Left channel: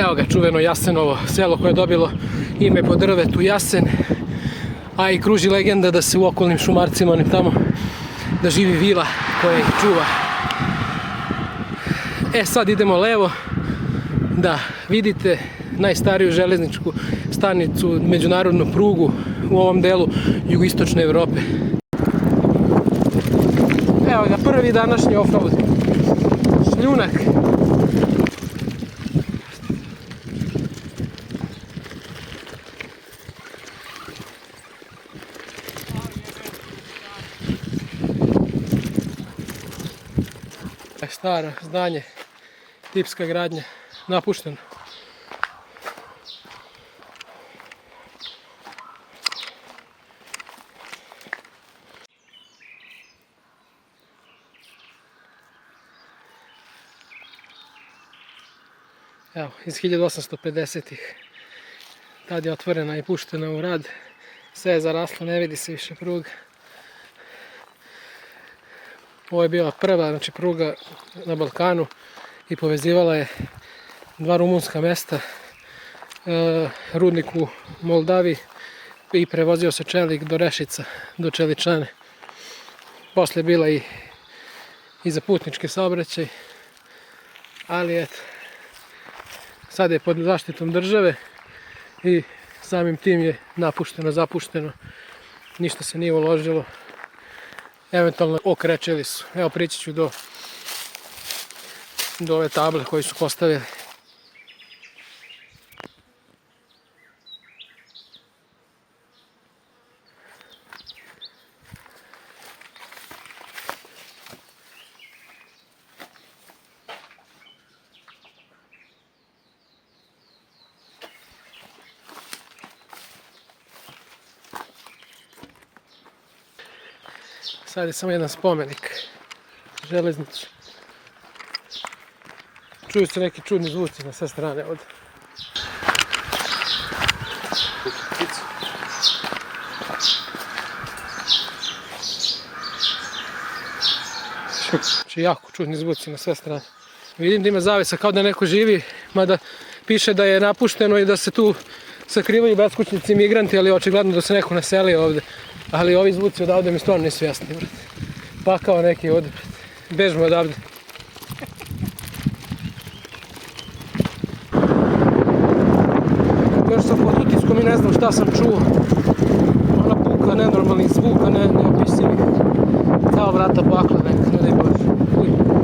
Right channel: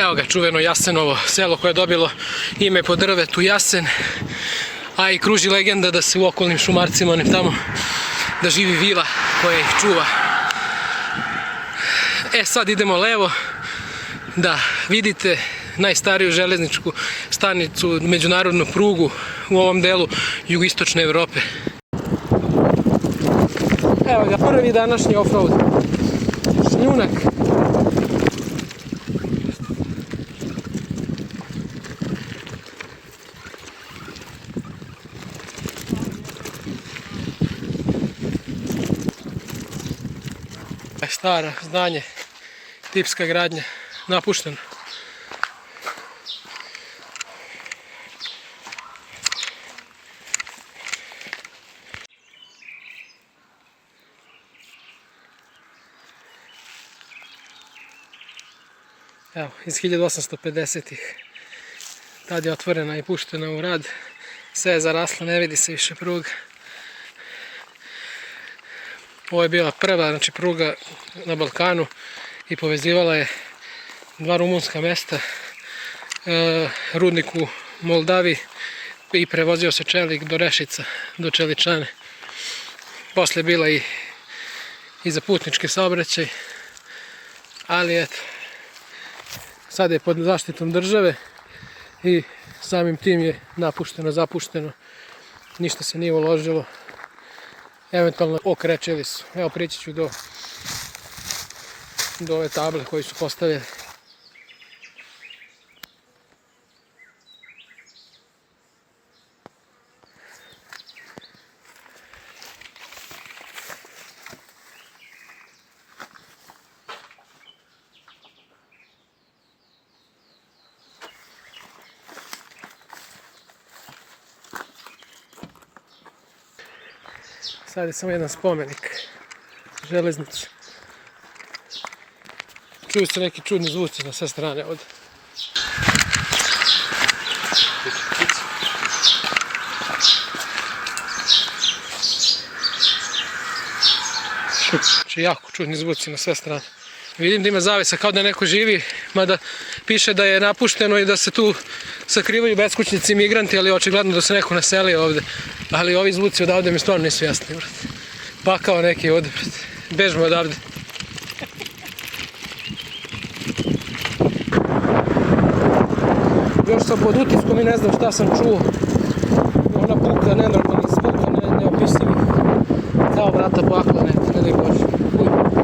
Evo ga, čuveno Jasenovo selo koje je dobilo ime po drvetu Jasen, a i kruži legenda da se u okolnim šumarcima onim tamo da živi vila koja ih čuva. Sad idemo levo da vidite najstariju železničku stanicu, međunarodnu prugu u ovom delu jugoistočne Evrope. Evo ga, prvi današnji offroad. Šljunak. Stara zdanje, tipska gradnja, napušteno. Evo, iz 1850-ih. Tad je otvorena i puštena u rad. Sve je zaraslo, ne vidi se više pruga. Ovo je bila prva pruga na Balkanu i povezivala je dva rumunska mesta, rudnik u Moldavi i prevozio se čelik do Rešica, do Čeličane. Poslije je bila i za putnički saobraćaj, ali eto, sad je pod zaštitom države i samim tim je napušteno, zapušteno, ništa se nije uložilo. Eventualno okrečili su. Evo, prići ću do ove table koje su postavili. Sad je samo jedan spomenik železnici. Čuju se neki čudni zvuci na sve strane ovdje. Znači jako čudni zvuci na sve strane. Vidim da ima zavesa kao da neko živi, mada piše da je napušteno i da se tu sakrivaju beskućnici i migranti, ali očigledno da se neko naselio ovdje. Ali ovi zvuci odavde mi stvarno nisu jasni, brate. Pakao neki ovdje, brate. Bežimo odavde. Još sam pod utiskom i ne znam šta sam čuo. Ona buka nenormalnih zvuka, neopisivih. Kao vrata pakla neka, ne daj Bože. Uj.